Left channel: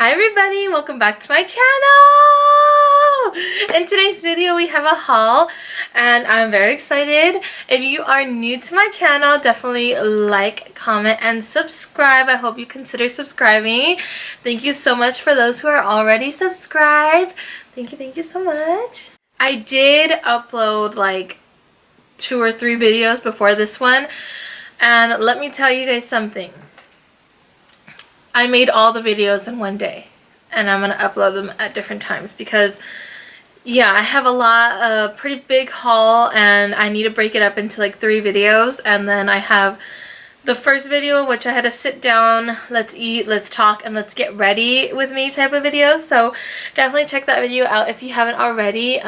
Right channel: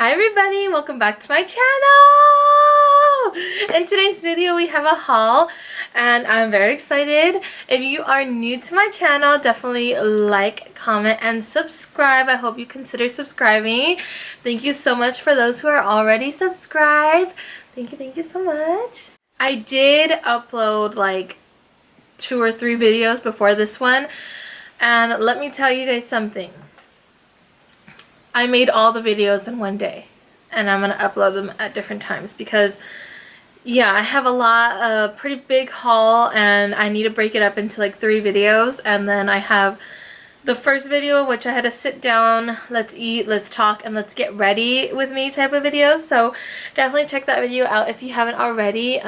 Hi everybody, welcome back to my channel. In today's video we have a haul and I'm very excited. If you are new to my channel, definitely like, comment, and subscribe. I hope you consider subscribing. Thank you so much for those who are already subscribed. Thank you so much. I did upload like 2 or 3 videos before this one, and let me tell you guys something. I made all the videos in one day and I'm going to upload them at different times because yeah, I have a pretty big haul and I need to break it up into like 3 videos. And then I have the first video, which I had to sit down, let's eat, let's talk, and let's get ready with me type of videos. So definitely check that video out if you haven't already.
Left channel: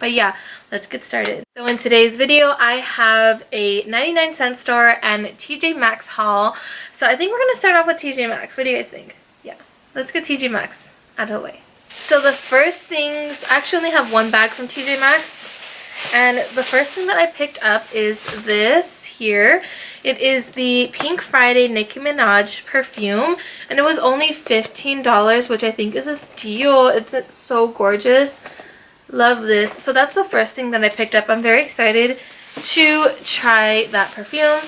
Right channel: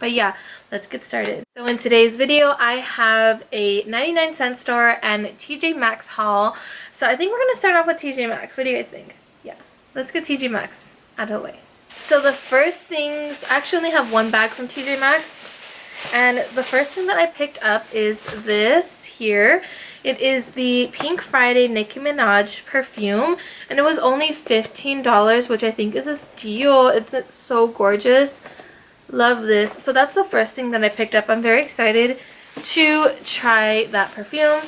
But yeah, let's get started. So in today's video, I have a 99-cent store and TJ Maxx haul. So I think we're going to start off with TJ Maxx. What do you guys think? Yeah, let's get TJ Maxx out of the way. So the first things, I actually only have one bag from TJ Maxx. And the first thing that I picked up is this here. It is the Pink Friday Nicki Minaj perfume. And it was only $15, which I think is a steal. It's so gorgeous. Love this. So that's the first thing that I picked up. I'm very excited to try that perfume.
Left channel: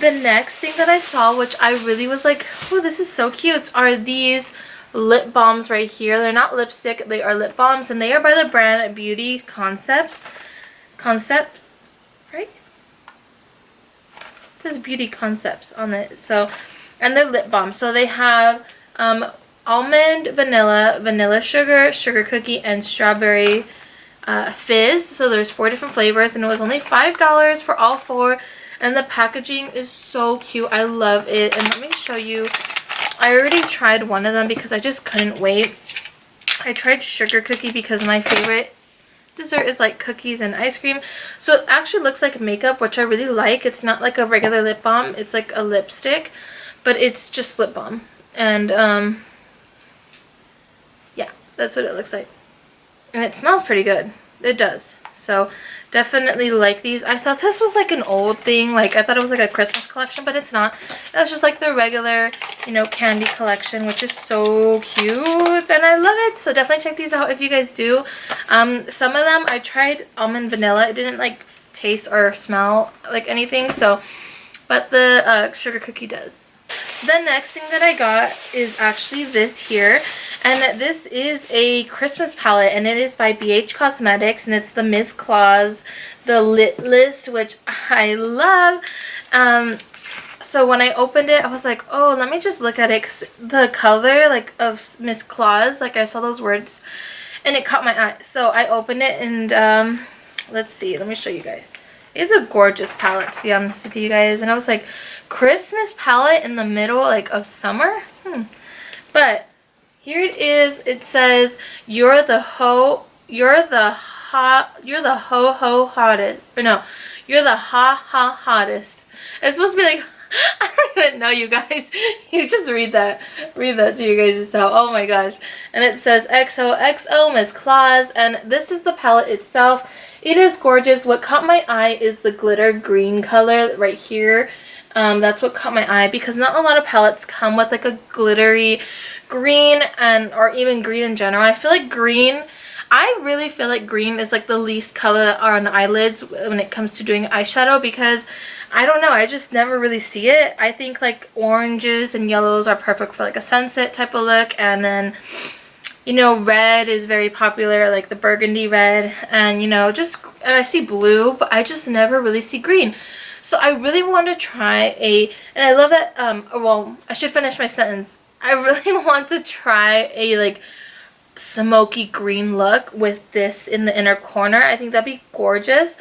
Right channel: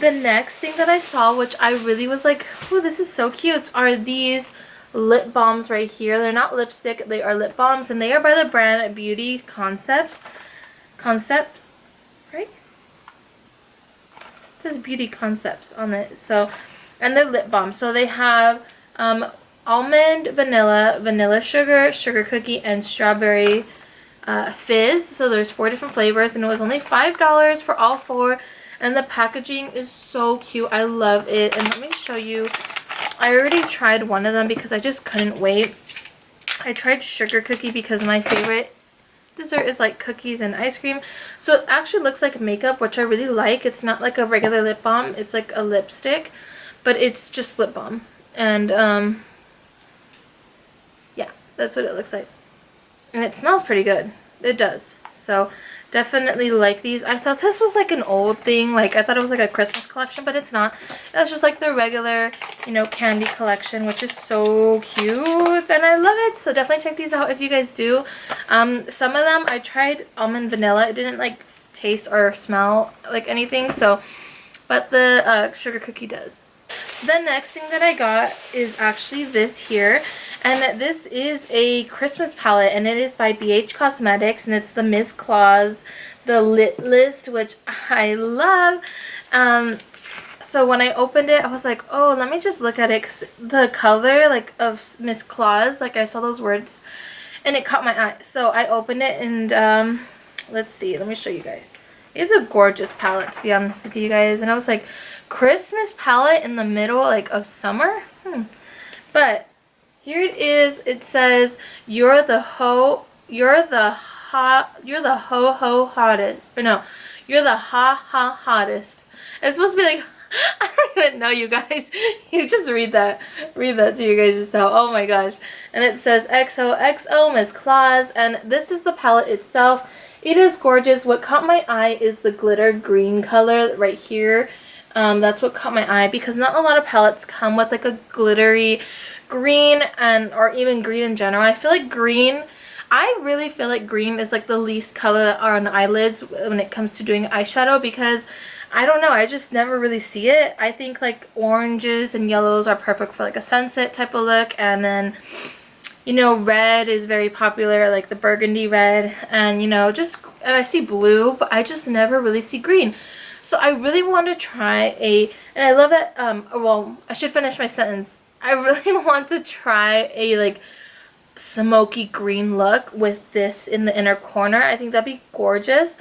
The next thing that I saw, which I really was like, oh, this is so cute, are these lip balms right here. They're not lipstick, they are lip balms, and they are by the brand Beauty Concepts, right? It says Beauty Concepts on it. So, and they're lip balms. So they have almond, vanilla sugar, sugar cookie, and strawberry fizz. So there's 4 different flavors, and it was only $5 for all 4. And the packaging is so cute. I love it. And let me show you. I already tried one of them because I just couldn't wait. I tried sugar cookie because my favorite dessert is like cookies and ice cream. So it actually looks like makeup, which I really like. It's not like a regular lip balm. It's like a lipstick, but it's just lip balm. And yeah, that's what it looks like. And it smells pretty good. It does. So definitely like these. I thought this was like an old thing. Like I thought it was like a Christmas collection, but it's not. It's just like the regular, you know, candy collection, which is so cute. And I love it. So definitely check these out if you guys do. Some of them I tried almond vanilla. It didn't like taste or smell like anything. So, but the sugar cookie does. The next thing that I got is actually this here, and this is a Christmas palette, and it is by BH Cosmetics, and it's the Miss Claus, the Lit List, which I love. So when I opened it, I was like, oh, let me just look at it, because the color like of Miss Claus, like I saw those words, and it caught my eye. So I opened it, and let's see, let me show you guys. It's a gorgeous palette, to be honest with you guys, and I was like, Christmas palette in the middle like of summer. But here it is. It says you're the ho hottest, or no, you're the hottest. It's supposed to be like, I don't even know, you guys. You just read that to you guys yourself. Oh my gosh. And it says XOXO Miss Claus, and this is the palette itself. It is gorgeous. What caught my eye is the glitter green color right here. That's what caught my eye, because not a lot of palettes come with like a glittery green, and or even green in general. I feel like green, I really feel like green is like the least color on eyelids when it comes to doing eyeshadow, because I don't know, I just never really see it. I think like oranges and yellows are perfect for like a sunset type of look, and then, you know, red is very popular, like the burgundy red, and you know, just, and I see blue, but I just never really see green. So I really want to try and I love that, well, I should finish my sentence. I really want to try a like smoky green look with this in the inner corner. I think that'd be gorgeous.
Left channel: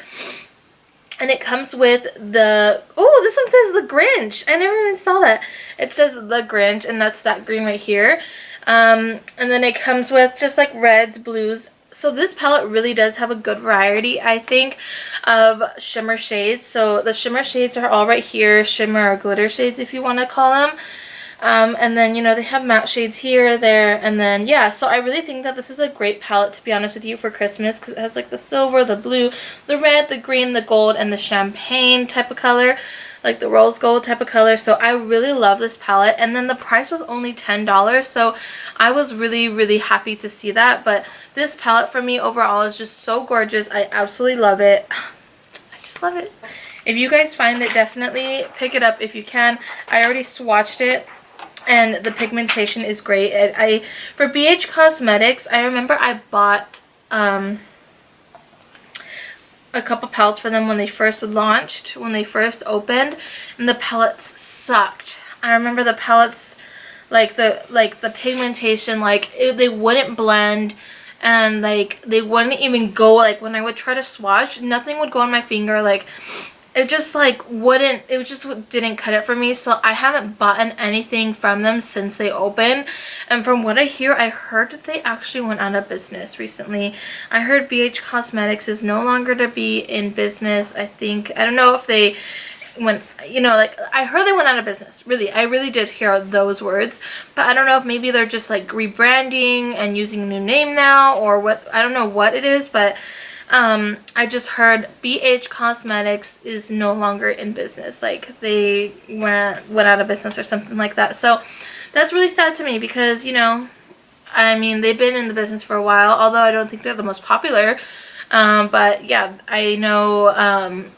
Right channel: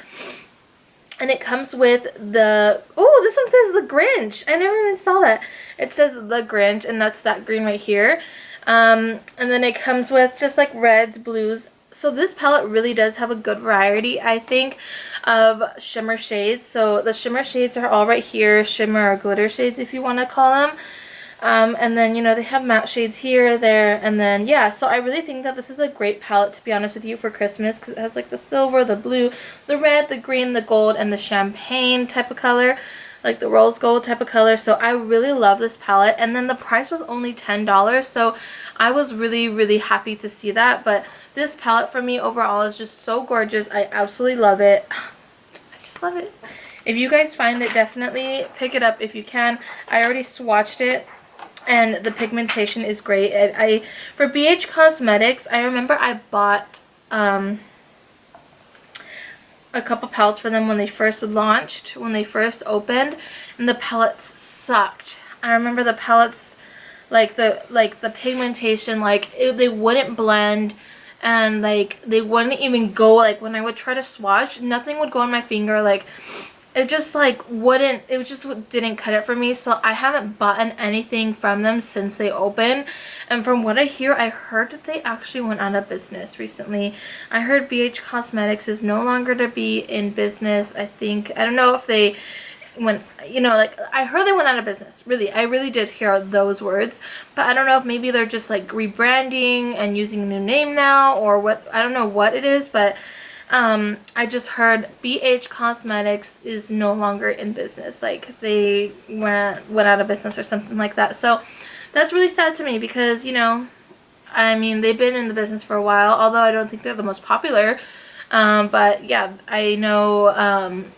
And it comes with the, oh, this one says the Grinch. I never even saw that. It says the Grinch, and that's that green right here. And then it comes with just like reds, blues. So this palette really does have a good variety, I think, of shimmer shades. So the shimmer shades are all right here, shimmer or glitter shades if you want to call them. And then, you know, they have matte shades here, there, and then, yeah. So I really think that this is a great palette, to be honest with you, for Christmas, because it has like the silver, the blue, the red, the green, the gold, and the champagne type of color. like the rose gold type of color. So I really love this palette, and then the price was only $10, so I was really happy to see that. But this palette for me overall is just so gorgeous. I absolutely love it. I just love it. If you guys find it, definitely pick it up if you can. I already swatched it, and the pigmentation is great. For BH Cosmetics, I remember I bought a couple palettes for them when they first launched, when they first opened, and the palettes sucked. I remember the palettes, like the pigmentation, like they wouldn't blend, and like they wouldn't even go, like when I would try to swatch, nothing would go on my finger. Like it just like wouldn't, it just didn't cut it for me. So I haven't bought anything from them since they opened. And from what I hear, I heard that they actually went out of business recently. I heard BH Cosmetics is no longer to be in business. I think, I don't know if they went, you know, like I heard they went out of business. Really, I really did hear those words. But I don't know if maybe they're just like rebranding and using a new name now, or what. I don't know what it is, but I just heard BH Cosmetics is no longer in business. Like they went out of business or something like that. So that's really sad to me because, you know, I mean, they've been in the business for a while, although I don't think they're the most popular. But yeah, I know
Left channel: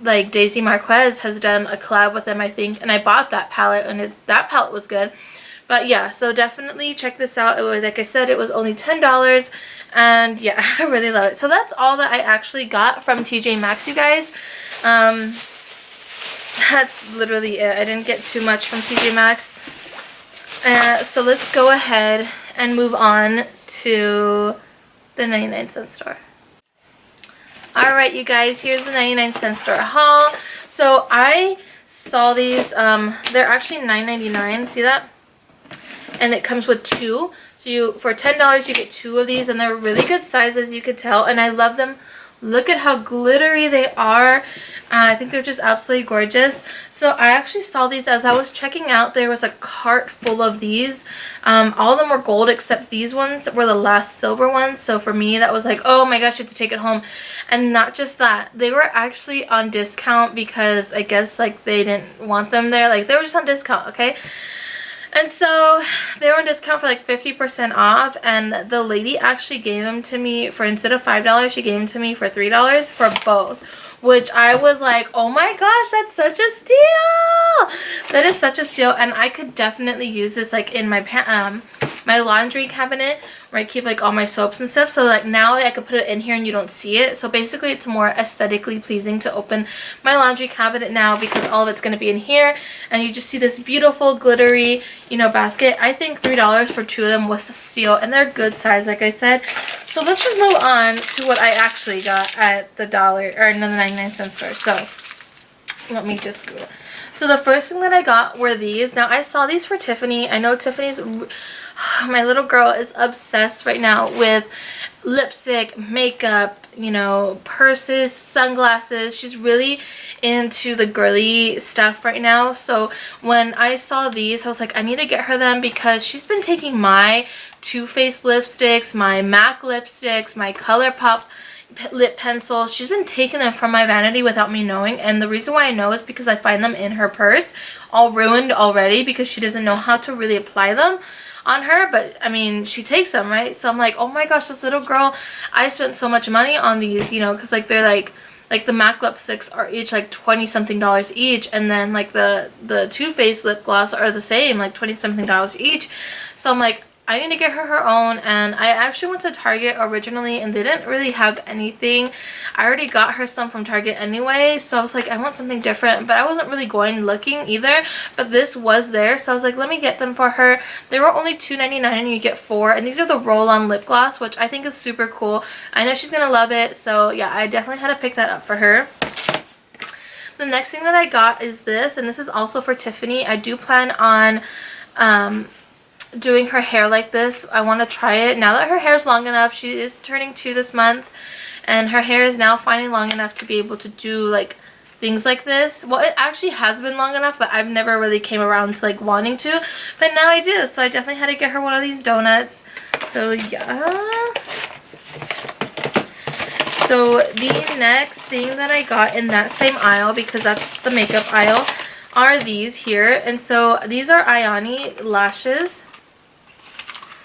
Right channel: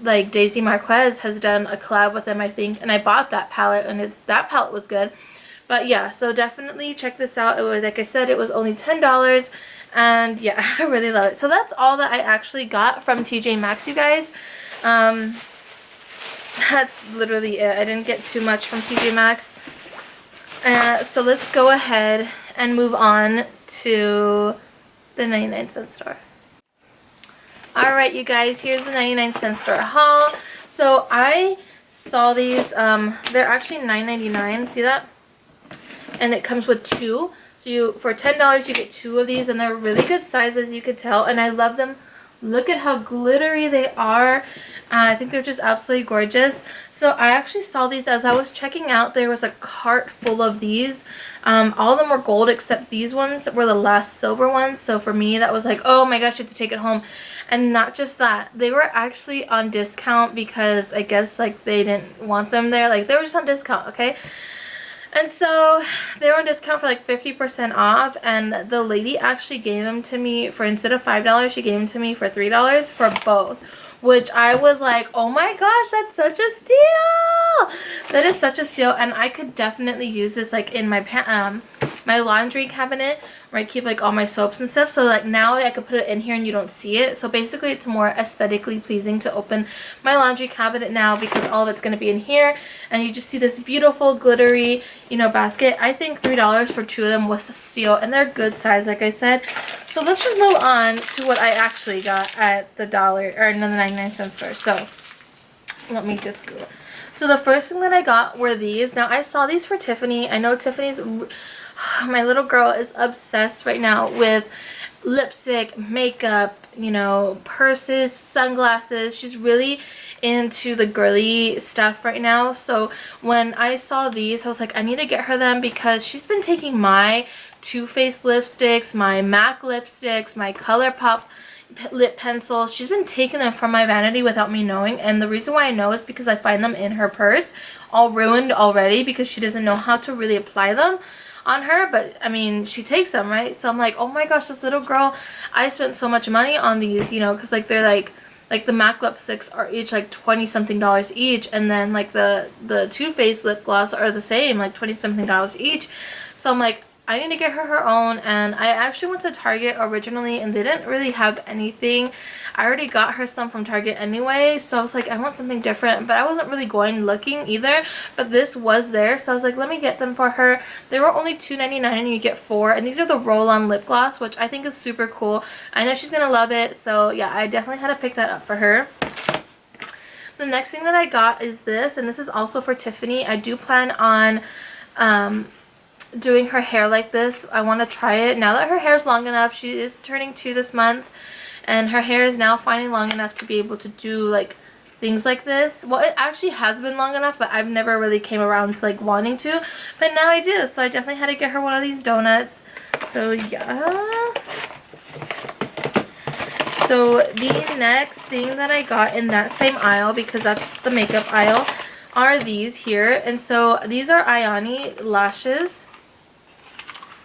like Daisy Marquez has done a collab with them, I think, and I bought that palette, and that palette was good. But yeah, so definitely check this out. It was, like I said, it was only $10. And yeah, I really love it. So that's all that I actually got from TJ Maxx, you guys. That's literally it. I didn't get too much from TJ Maxx. So let's go ahead and move on to the 99-cent store. Alright, you guys, here's the 99-cent store haul. So I saw these. They're actually $9.99. See that? And it comes with two. So for $10 you get two of these, and they're really good sizes, you could tell, and I love them. Look at how glittery they are. I think they're just absolutely gorgeous. So I actually saw these as I was checking out. There was a cart full of these. All of them were gold except these ones were the last silver ones. So for me, that was like, oh my gosh, you have to take it home. And not just that, they were actually on discount because I guess like they didn't want them there. Like they were just on discount, okay? And so they were on discount for like 50% off, and the lady actually gave them to me for, instead of $5, she gave them to me for $3 for both, which I was like, oh my gosh, that's such a steal. That is such a steal, and I could definitely use this like in my my laundry cabinet where I keep like all my soaps and stuff. So like now I could put it in here and you don't see it. So basically it's more aesthetically pleasing to open my laundry cabinet now because all of it's going to be in here, and you just see this beautiful glittery, you know, basket. I think $3 for two of them was a steal, and they're good size, like I said. So let's just move on to what I actually got at the the 99-cent store. So let me just go. So the first thing that I got were these. Now I saw these for Tiffany. I know Tiffany's, my little girl is obsessed right now with lipstick, makeup, you know, purses, sunglasses. She's really into the girly stuff right now. So when I saw these, I was like, I need to get her them because she's been taking my Too Faced lipsticks, my MAC lipsticks, my ColourPop lip pencils. She's been taking them from my vanity without me knowing, and the reason why I know is because I find them in her purse all ruined already because she doesn't know how to really apply them on her. But I mean, she takes them, right? So I'm like, oh my gosh, this little girl, I spent so much money on these, you know, because like they're like the MAC lipsticks are each like $20 something each, and then like the Too Faced lip gloss are the same, like $20 something each. So I'm like, I need to get her own. And I actually went to Target originally and they didn't really have anything. I already got her some from Target anyway, so I was like, I want something different, but I wasn't really going looking either, but this was there, so I was like, let me get them for her. They were only $2.99 and you get 4, and these are the roll-on lip gloss, which I think is super cool. I know she's gonna love it, so yeah, I definitely had to pick that up for her. The next thing that I got is this, and this is also for Tiffany. I do plan on doing her hair like this. I want to try it now that her hair is long enough. She is turning 2 this month, and her hair is now finally long enough to be able to do like things like this. Well, it actually has been long enough, but I've never really came around to like wanting to, but now I do. So I definitely had to get her one of these donuts. So yeah, So the next thing that I got in that same aisle, because that's the makeup aisle, are these here. And so these are Ioni lashes.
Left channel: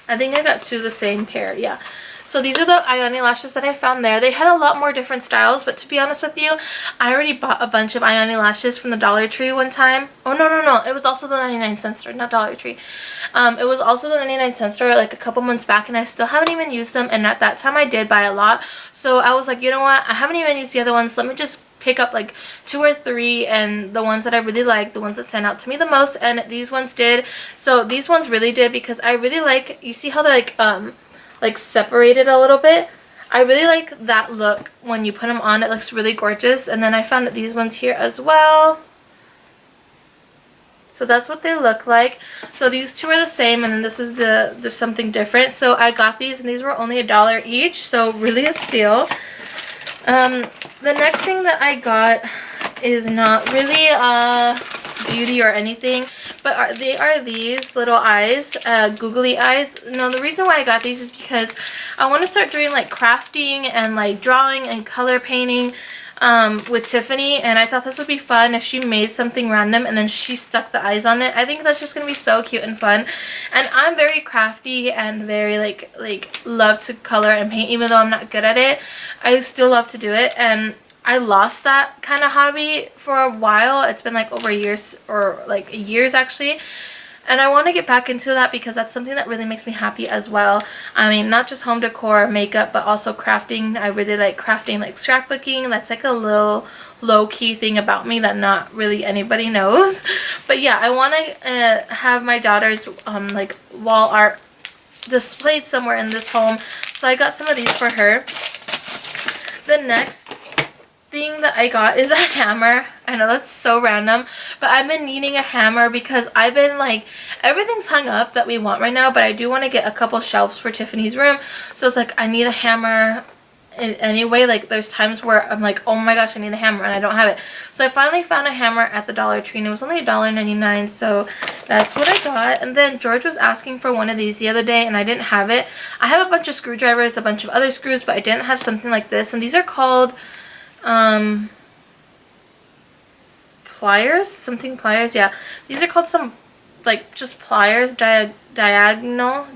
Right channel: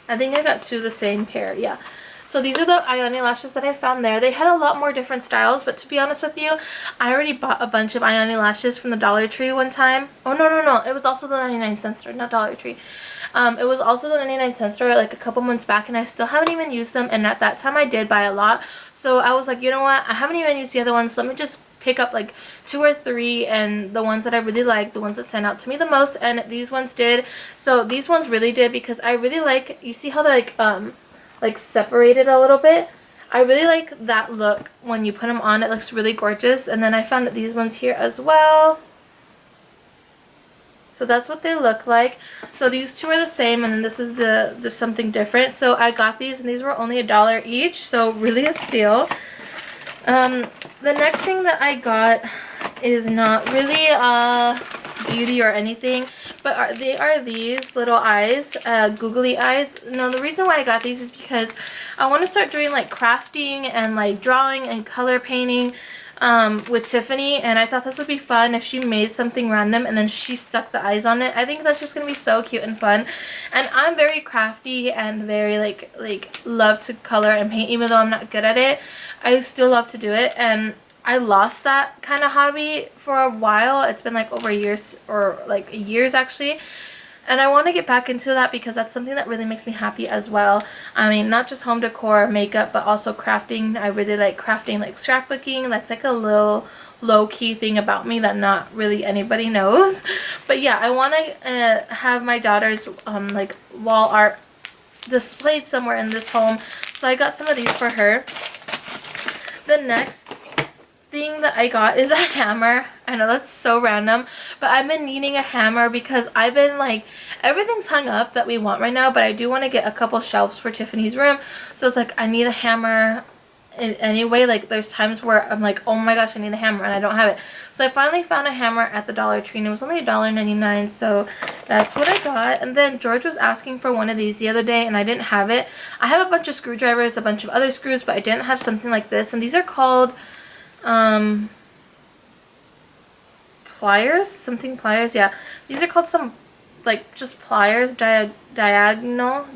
I think I got 2 of the same pair, yeah. So these are the Ioni lashes that I found there. They had a lot more different styles, but to be honest with you, I already bought a bunch of Ioni lashes from the Dollar Tree one time. Oh, no. It was also the 99-cent store, not Dollar Tree. It was also the 99-cent store like a couple months back, and I still haven't even used them. And at that time, I did buy a lot. So I was like, you know what? I haven't even used the other ones. Let me just pick up like 2 or 3, and the ones that I really like, the ones that stand out to me the most, and these ones did. So these ones really did, because I really like, you see how they're like separated a little bit? I really like that look when you put them on. It looks really gorgeous. And then I found these ones here as well. So that's what they look like. So these 2 are the same, and then this is there's something different. So I got these, and these were only $1 each, so really a steal. The next thing that I got is not really beauty or anything, but they are these little eyes, googly eyes. No, the reason why I got these is because I want to start doing like crafting and like drawing and color painting with Tiffany, and I thought this would be fun if she made something random and then she stuck the eyes on it. I think that's just gonna be so cute and fun. And I'm very crafty and very like love to color and paint. Even though I'm not good at it, I still love to do it, and I lost that kind of hobby for a while. It's been like over years, or like years actually. And I want to get back into that because that's something that really makes me happy as well. I mean, not just home decor, makeup, but also crafting. I really like crafting, like scrapbooking. That's like a little low-key thing about me that not really anybody knows. But yeah, I want to have my daughter's like wall art displayed somewhere in this home. So I got some of these for her. The next thing that I got is a hammer. I know that's so random, but I've been needing a hammer because I've been like, everything's hung up that we want right now, but I do want to get a couple shelves for Tiffany's room. So it's like I need a hammer anyway. Like there's times where I'm like, oh my gosh, I need a hammer and I don't have it. So I finally found a hammer at the Dollar Tree, and it was only $1.99, so that's what I got. And then George was asking for one of these the other day, and I didn't have it. I have a bunch of screwdrivers, a bunch of other screws, but I didn't have something like this. And these are called pliers, something pliers, yeah. These are called some, like, just pliers, diagonal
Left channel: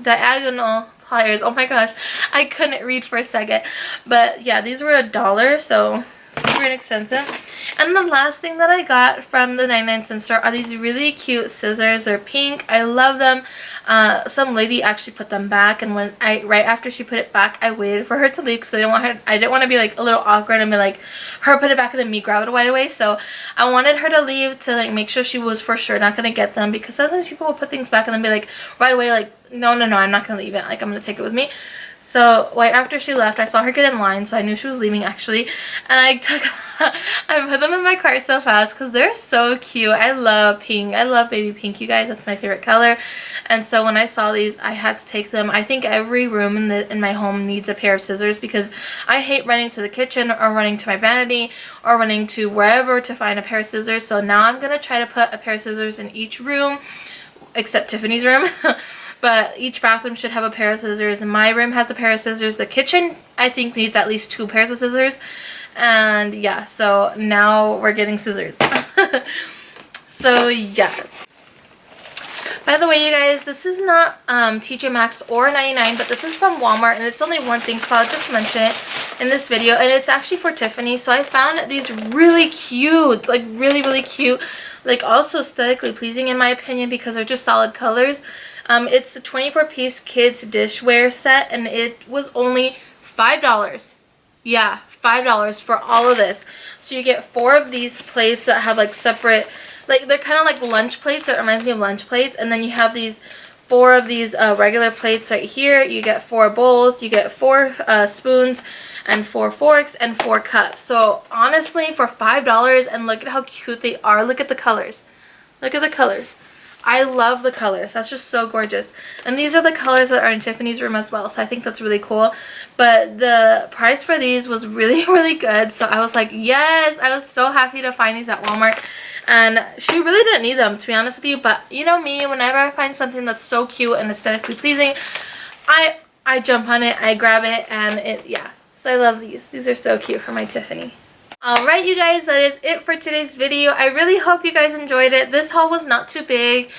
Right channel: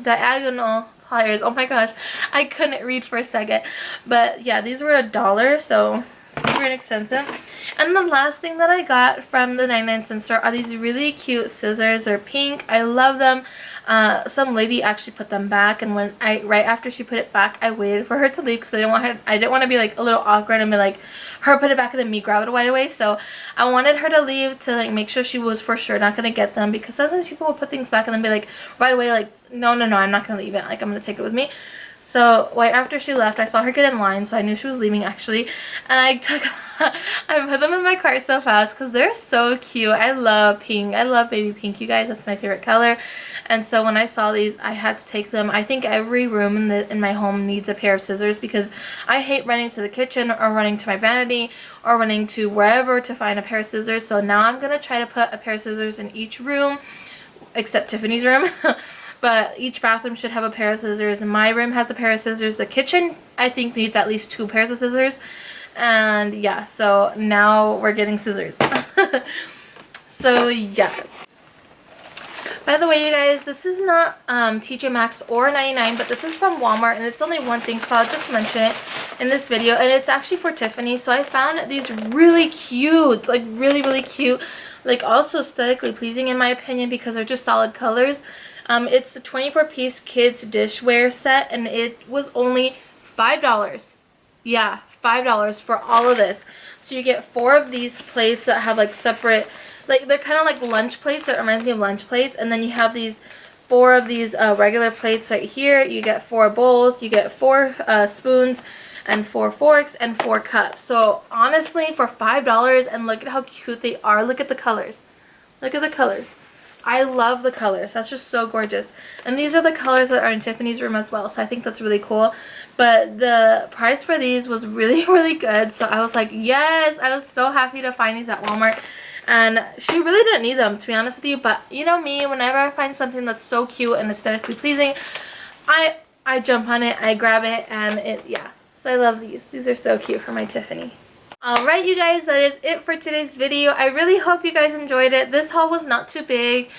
pliers. Oh my gosh, I couldn't read for a second. But yeah, these were $1, so super inexpensive. And the last thing that I got from the 99-cent store are these really cute scissors. They're pink. I love them. Some lady actually put them back, and when right after she put it back, I waited for her to leave because I didn't want to be like a little awkward and be like, her put it back and then me grab it right away. So I wanted her to leave to like make sure she was for sure not gonna get them, because sometimes people will put things back and then be like right away like, no, I'm not gonna leave it, like I'm gonna take it with me. So right after she left, I saw her get in line, so I knew she was leaving actually, and I put them in my cart so fast because they're so cute. I love pink. I love baby pink, you guys. That's my favorite color. And so when I saw these, I had to take them. I think every room in my home needs a pair of scissors, because I hate running to the kitchen or running to my vanity or running to wherever to find a pair of scissors. So now I'm gonna try to put a pair of scissors in each room except Tiffany's room. But each bathroom should have a pair of scissors. And my room has a pair of scissors. The kitchen, I think, needs at least 2 pairs of scissors. And yeah, so now we're getting scissors. So yeah. By the way, you guys, this is not TJ Maxx or 99, but this is from Walmart, and it's only one thing, so I'll just mention it in this video. And it's actually for Tiffany. So I found these really cute, like really cute, like also aesthetically pleasing in my opinion, because they're just solid colors. It's a 24-piece kids dishware set, and it was only $5. Yeah, $5 for all of this. So you get 4 of these plates that have like separate, like they're kind of like lunch plates. It reminds me of lunch plates. And then you have these 4 of these regular plates right here. You get 4 bowls. You get 4 spoons and 4 forks and 4 cups. So honestly, for $5, and look at how cute they are. Look at the colors. Look at the colors. I love the colors. That's just so gorgeous. And these are the colors that are in Tiffany's room as well. So I think that's really cool. But the price for these was really good. So I was like, yes. I was so happy to find these at Walmart. And she really didn't need them, to be honest with you. But you know me, whenever I find something that's so cute and aesthetically pleasing, I jump on it. I grab it. And yeah. So I love these. These are so cute for my Tiffany. Alright you guys, that is it for today's video. I really hope you guys enjoyed it. This haul was not too big.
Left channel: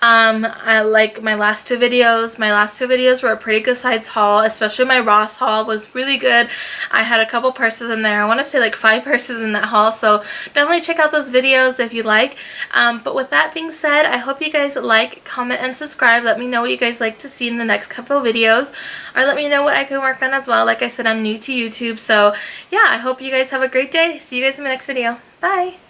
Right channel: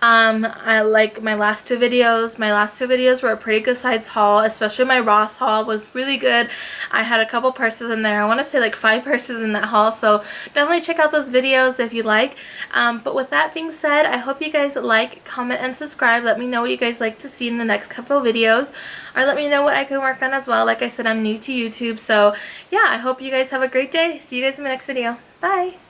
I like my last two videos. My last two videos were a pretty good size haul, especially my Ross haul was really good. I had a couple purses in there. I want to say like 5 purses in that haul, so definitely check out those videos if you like. But with that being said, I hope you guys like, comment, and subscribe. Let me know what you guys like to see in the next couple of videos, or let me know what I can work on as well. Like I said, I'm new to YouTube, so yeah, I hope you guys have a great day. See you guys in my next video. Bye!